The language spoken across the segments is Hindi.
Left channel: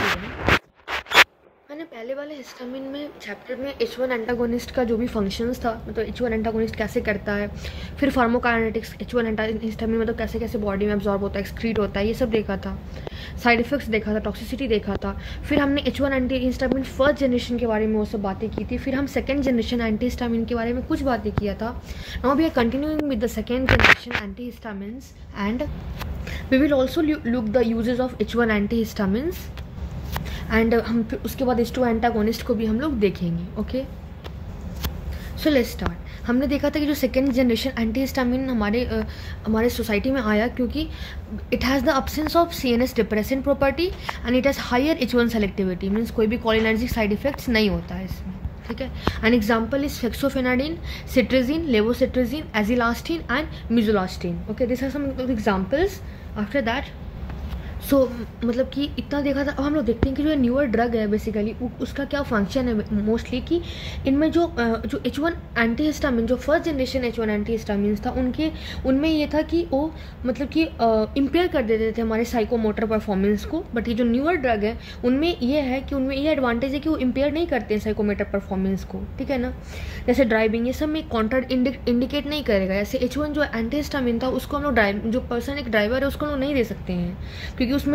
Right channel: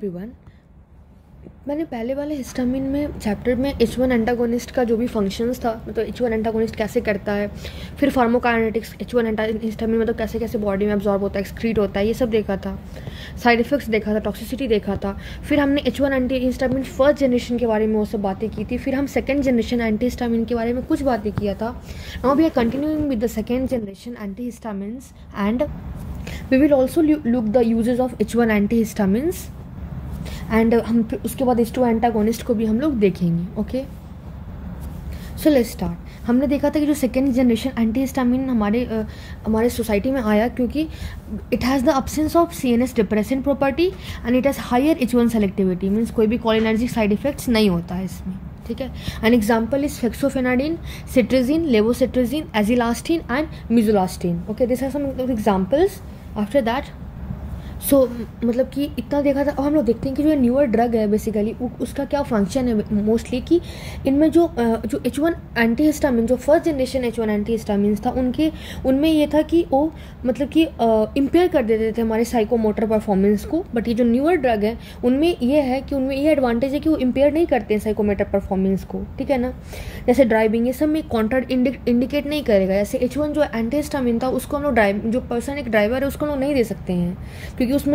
एवरीवन, मैंने पहले वाले हिस्टामिन में चैप्टर में H1 एंटागोनिस्ट का जो भी फंक्शंस था, मतलब H1 एंटागोनिस्ट कैसे करता है, फिर फार्माकोकाइनेटिक्स H1 हिस्टामिन मतलब कैसे कैसे बॉडी में एब्जॉर्ब होता है, एक्सक्रीट होता है, ये सब देखा था। साइड इफेक्ट्स देखा था, टॉक्सिसिटी देखा था। फिर हमने H1 anti histamine first generation के बारे में वो सब बातें की थी। फिर हम सेकेंड जनरेशन एंटी हिस्टामिन के बारे में कुछ बातें किया था। Now we are continuing with the second generation antihistamines and we will also look the uses of H1 antihistamines and हम उसके बाद H2 एंटागोनिस्ट को भी हम लोग देखेंगे। Okay, so let's start. हमने देखा था कि जो सेकेंड जनरेशन एंटी हिस्टामिन हमारे सोसाइटी में आया क्योंकि it has the absence of CNS depressant property and it has higher H1 selectivity, means कोई भी कोलिनर्जिक साइड इफेक्ट्स नहीं होता है इसमें। ठीक है, an example is fexofenadine, cetirizine, levocetirizine, azelastine and mizolastine. Okay, this are some examples. After that मतलब कि इतना देखा था। अब हम लोग देखते हैं कि जो न्यूअर ड्रग है बेसिकली उसका क्या फंक्शन है मोस्टली, कि इनमें जो H1 एंटी हिस्टामिन, जो first generation H1 anti histamine था उनमें ये था कि वो मतलब कि इम्पेयर कर देते थे हमारे साइकोमोटर परफॉर्मेंस को। बट ये जो न्यूअर ड्रग है उनमें ये है कि उनमें ये एडवांटेज है कि वो इम्पेयर नहीं करते हैं साइकोमोटर परफॉर्मेंस को। ठीक है ना, जैसे ड्राइविंग ये सब में कॉन्ट्रा इंडिकेट नहीं करेगा। जैसे H1 जो एंटी हिस्टामिन था उसको हम लोग जो पर्सन एक ड्राइवर है उसको हम लोग नहीं दे सकते हैं क्योंकि उसमें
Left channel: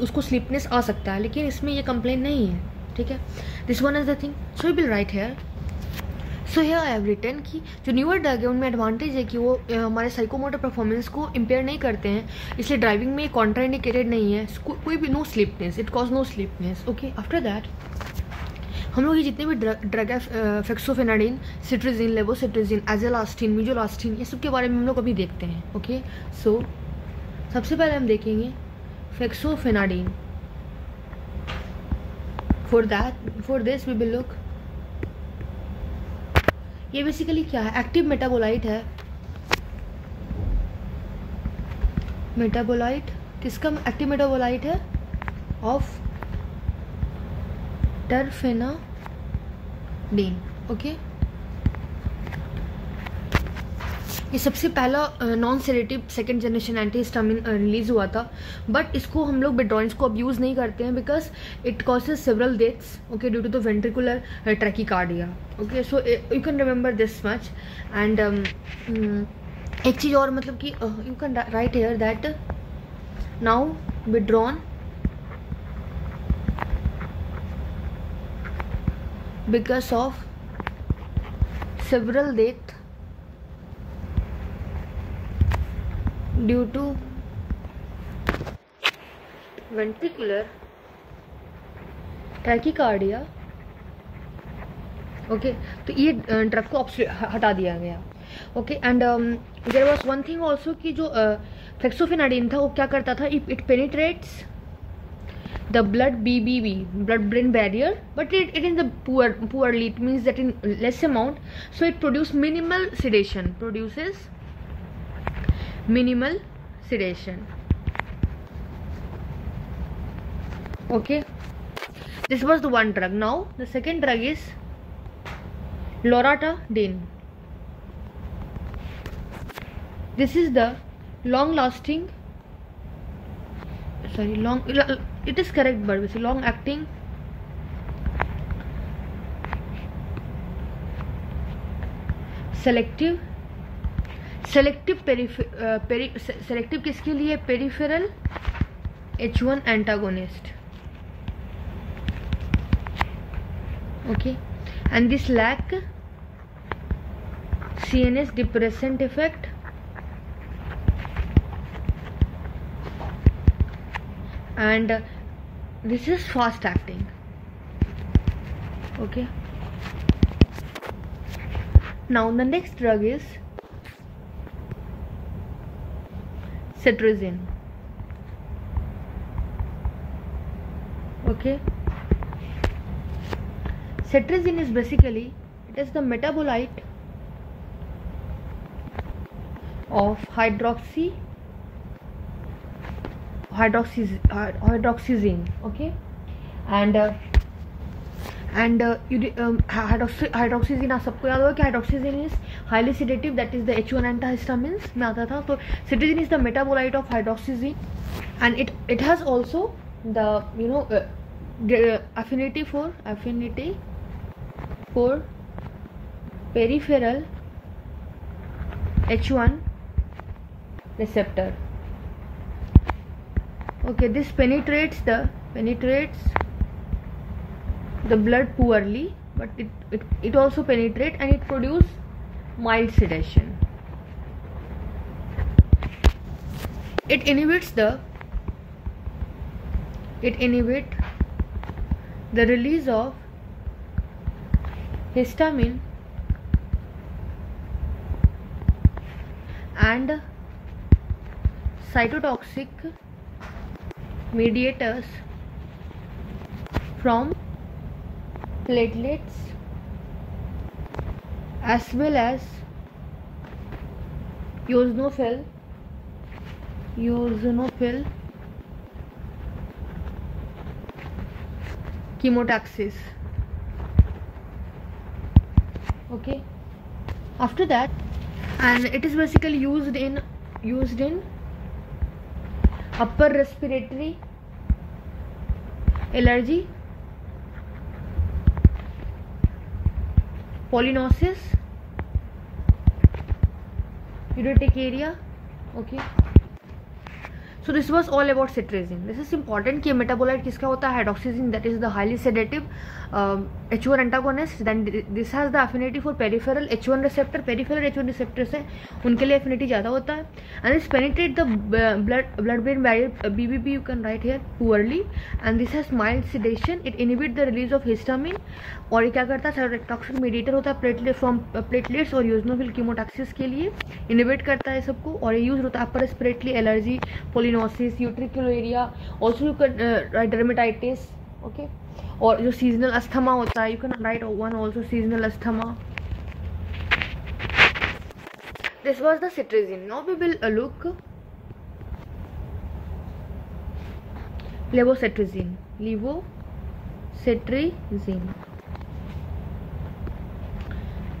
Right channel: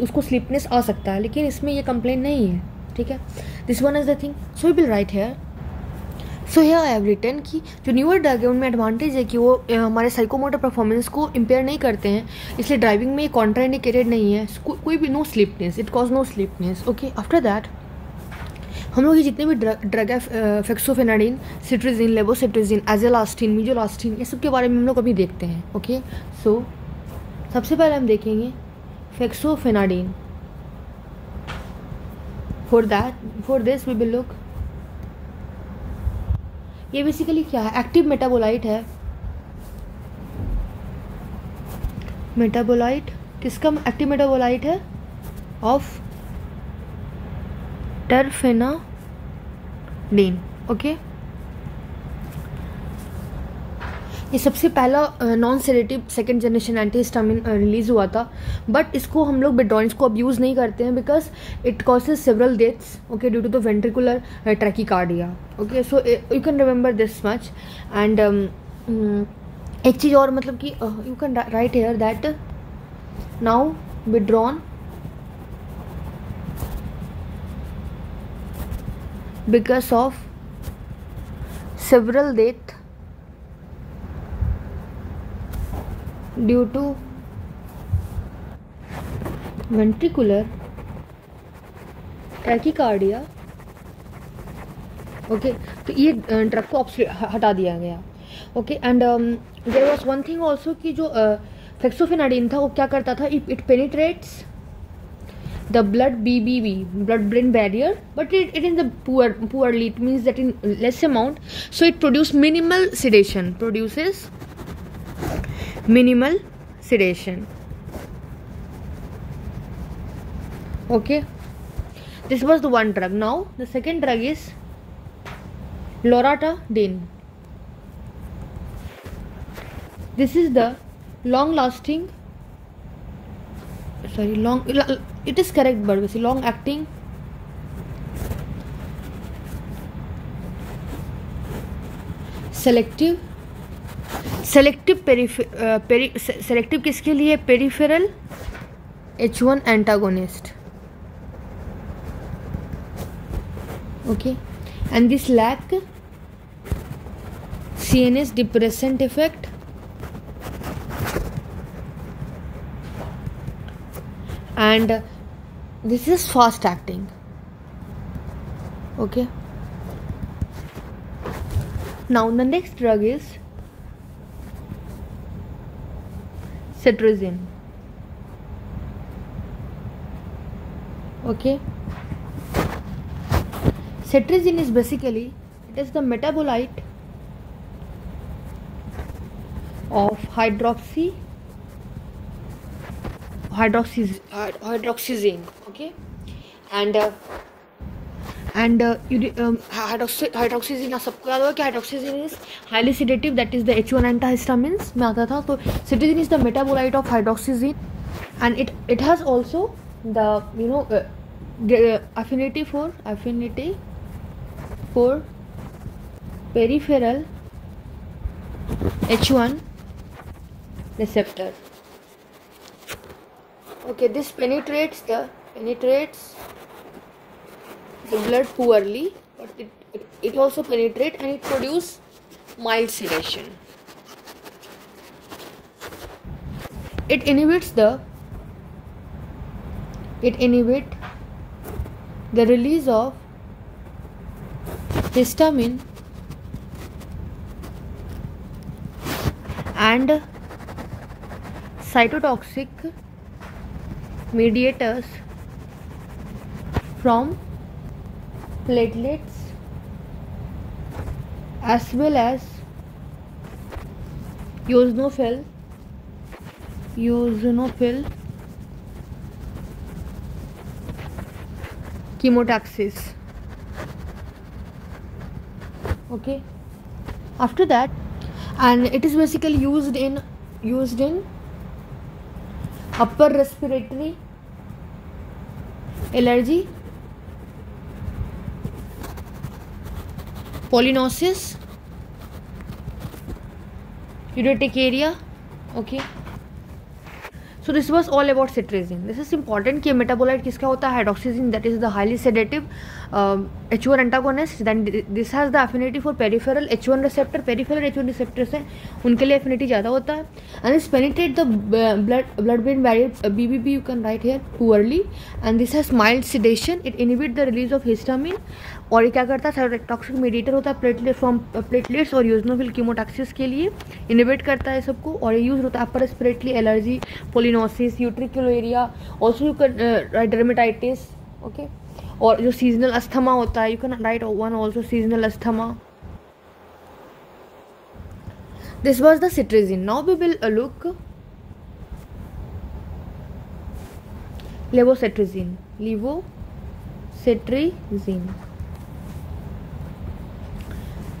उसको स्लीपनेस आ सकता है, लेकिन इसमें ये कंप्लेन नहीं है। ठीक है, this one is the thing. So we will write here. So here I have written कि जो न्यूअर ड्रग है उनमें एडवांटेज है कि वो हमारे साइकोमोटर परफॉर्मेंस को इम्पेयर नहीं करते हैं, इसलिए ड्राइविंग में कॉन्ट्रा इंडिकेटेड नहीं है, कोई भी no sleepiness, it cause no sleepiness. Okay, after that हम लोग ये जितने भी ड्रग है फेक्सोफेनाडिन, सिट्रिजिन, लेवोसिट्रिजिन, एजिलास्टिन, मिजुलास्टिन, ये सब के बारे में हम लोग अभी देखते हैं। ओके, सो सबसे पहले हम देखेंगे fexofenadine. For this we will look, ये बेसिकली क्या है, एक्टिव मेटाबोलाइट है। मेटाबोलाइट किसका एक्टिव मेटाबोलाइट है? Of terfenadine. ओके, ये सबसे पहला non sedative second generation anti histamine release हुआ था, बट इसको हम लोग बेड्रॉइन्स को अब यूज़ नहीं करते हैं because it causes several deaths. Okay, due to the ventricular tachycardia. Okay, so you can remember this much. And एक चीज़ और, मतलब कि you can write here that now withdrawn because of several death due to ventricular tachycardia। Okay, तो ये ड्रग को हटा दिया गया। Okay, and there was one thing also कि जो फेक्सोफेनाडिन था वो क्या करता था, it penetrates the blood BBB, blood brain barrier, but it in the poorly, it means that in less amount, so it produces minimal sedation. Okay, this was the one drug. Now the second drug is loratadine. This is the it is correct, but basically long acting selective किसके लिए? Peripheral H1 antagonist. Okay, and this lack CNS depressant effect and this is fast acting. Okay, now the next drug is cetirizine. Okay, cetirizine is basically, it is the metabolite of hydroxyzine. Okay, and hydroxyzine सबको याद होगा कि hydroxyzine is highly sedative, that is the H1 antihistamines में आता था। तो cetirizine is the metabolite of hydroxyzine and it has also the the affinity for peripheral H1 receptor. Okay, this penetrates the blood poorly, but it also penetrates and it produces mild sedation. It inhibits the release of histamine and cytotoxic mediators from platelets as well as eosinophil chemotaxis. Okay, after that, and it is basically used in upper respiratory allergy, polynosis, urticaria. Okay, so this was all about cetirizine. This is important कि मेटाबोलाइट किसका होता है, हाइड्रोक्सीजिन, that is the highly sedative H1 antagonist. Then this has the affinity for peripheral H1 receptor. Peripheral H1 receptors है, उनके लिए affinity ज़्यादा होता है. And this penetrate the blood-brain barrier, BBB you can write here, poorly. And this has mild sedation. It inhibit the release of histamine. और ये क्या करता है, साइटोटॉक्सिक मीडिएटर होता है प्लेटलेट्स और यूजनोफिल कीमोटैक्सिस के लिए, इनिबिट करता है सबको. और ये यूज होता है upper respiratory allergy, pollinosis, utricularia, also you can dermatitis. Okay, और जो सीजनल अस्थमा होता है, you can write one also seasonal asthma. This was the cetirizine. Now we will look levocetirizine.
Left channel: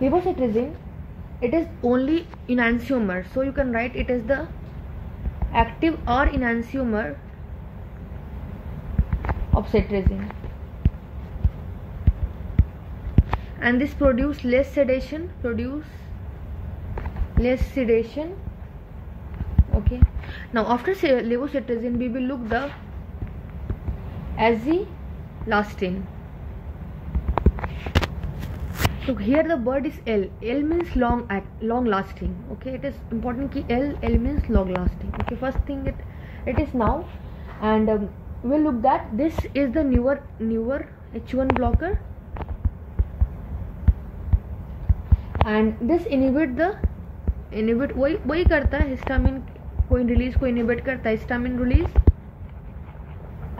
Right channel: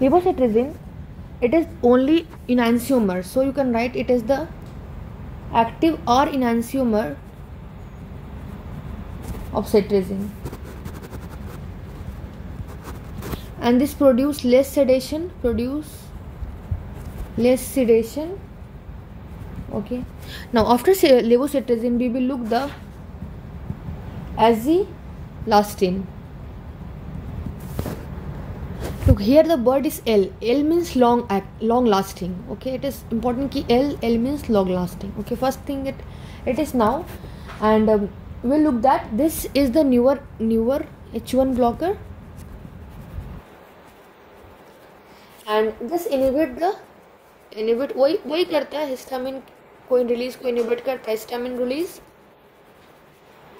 Levocetirizine, it is only enantiomer, so you can write it as the active or enantiomer of cetirizine, and this produce less sedation. Okay, now after levocetirizine we will look the azilastine. Look here, the word is L. L means long lasting. Okay, it is important कि L means long lasting. Okay, first thing it is now, and we'll look that this is the newer H1 blocker, and this inhibit वही करता है हिस्टामिन को रिलीज को इनहिबिट करता है, histamine release.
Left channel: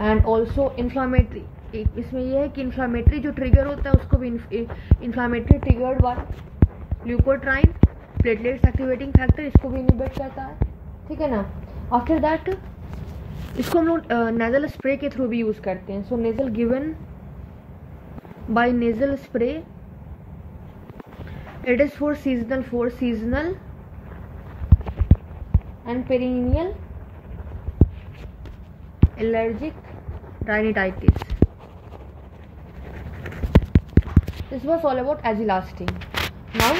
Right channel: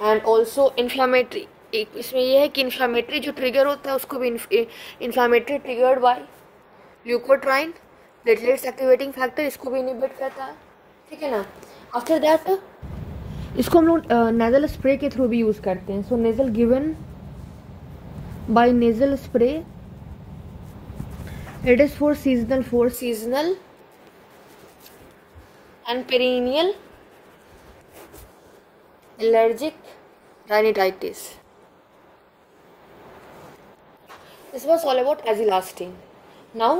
And also inflammatory, एक इसमें यह है कि इन्फ्लामेटरी जो ट्रिगर होता है उसको भी inflammatory triggered by leukotriene, platelets activating factor, इसको भी इनहिबिट करता है. ठीक है ना. आफ्टर दैट इसको हम लोग नेजल स्प्रे के थ्रू भी यूज़ करते हैं. So nasal given by nasal spray, it is for seasonal and perennial allergic rhinitis. This was all about azilastine. Now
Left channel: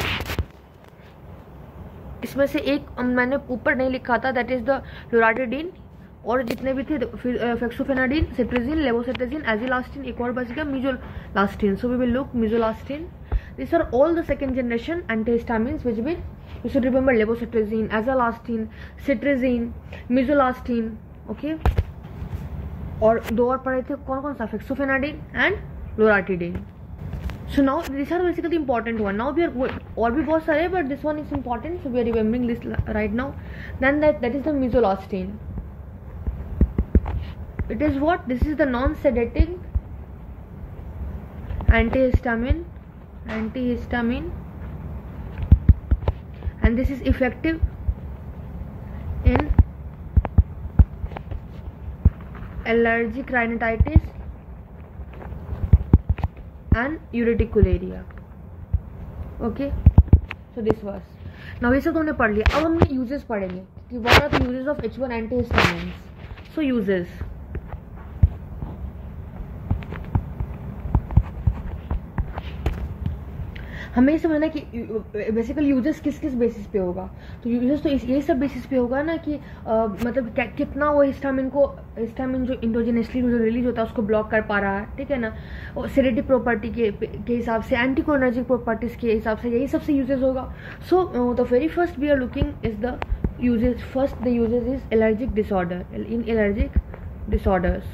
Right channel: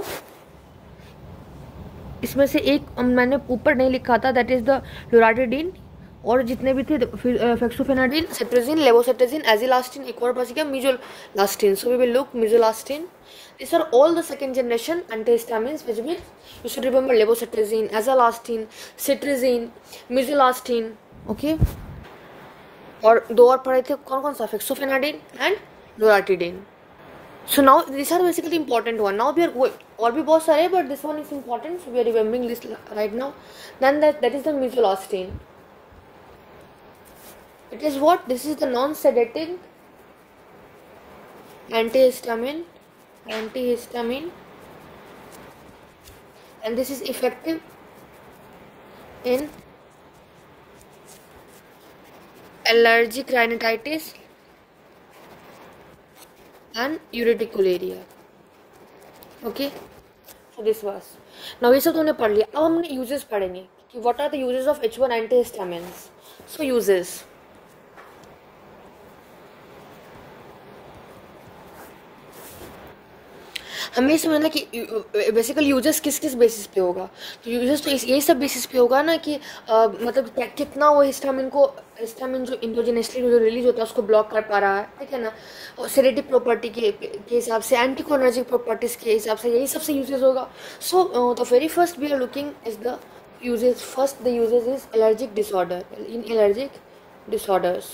इसमें से एक मैंने ऊपर नहीं लिखा था, दैट इज द लोराटिडीन, और जितने भी थे फेक्सोफेनाडिन, सेट्रिजिन, लेवोसेट्रिजिन, एजिलास्टिन, एक और बच गया mizolastine. So we will look mizolastine. These are all the second generation antihistamines which you should remember: levocetirizine, azilastine, cetirizine, misolastin. Okay, और दो और पढ़े थे, कौन सा, फेक्सोफेनाडिन and लोराटिडिन. So now these are basically important one. Now we are और भी बहुत सारे, but this one is important, so we are remembering this right now. Then that is the misolastin. It is what? This is the non-sedating antihistamine, and this is effective in allergic rhinitis and urticaria. Okay, so this was. Now ये सब तो हमने पढ़ लिया. अब हमने uses पढ़ेंगे कि what are the uses of H1 antihistamines. So uses. हमें समझना कि बेसिकली यूजेस किस किस बेसिस पे होगा। तो यूजेस तो यही सब बेसिस पे होगा ना कि मतलब कितना वो हिस्टामिन जो इंडोजेनसली जो रिलीज होता है उसको ब्लॉक कर पा रहा है, ठीक है ना। और सेडेटिव प्रॉपर्टी के हिसाब से, एंटीकोलिनर्जिक प्रॉपर्टीज़ के हिसाब से, यही सबसे यूजेस होगा। So the very first we are looking is the uses. First the uses is allergic disorder, in allergic disorders.